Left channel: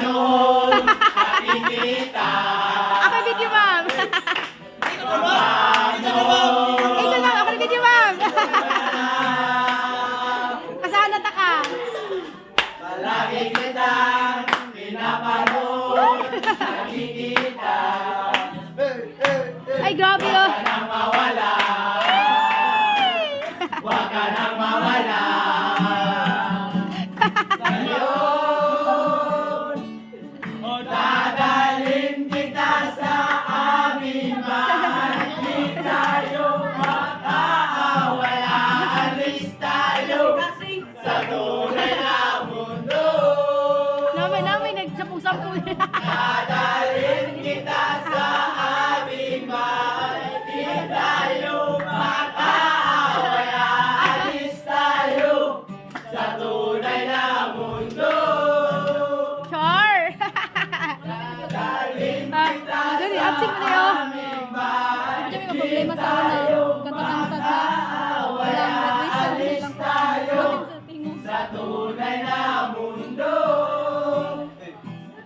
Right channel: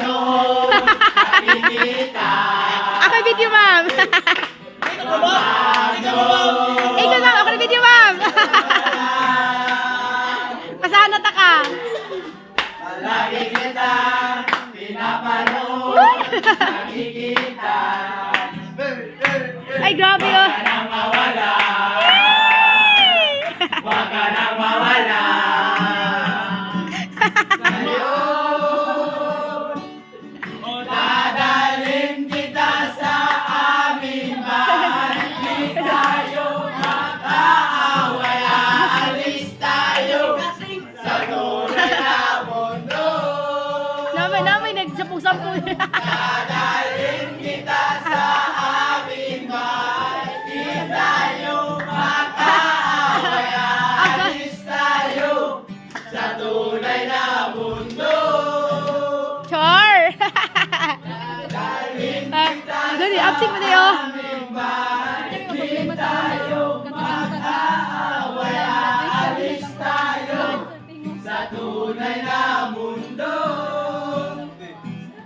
panahon nakikita. Ako yung video, ma'am. Ikaw lang, ako yung video, ma'am. Pasanat ka. Palagi kitang pinapanood nakikita. Ay, grabe oh. Huwag ka nang mawala. Huwag ka nang mawala. Sa'yo, dadalhin kita sa aming bahay. Di tayo makaaway. Aalis tayo sa tunay na mundo. Namin, nagsampung-sampung. Dadalhin kita sa aming bahay. Di tayo makaaway. Aalis tayo sa tunay na mundo. Char! Dadalhin kita Dali, sa acting mo na yun. aming bahay. Hindi may problema sa akin. Makaaway. Aalis tayo sa tunay na mundo.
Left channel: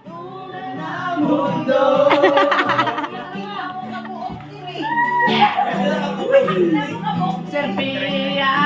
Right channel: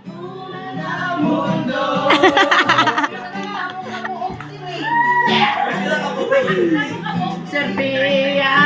Tunay na mundo. Serbia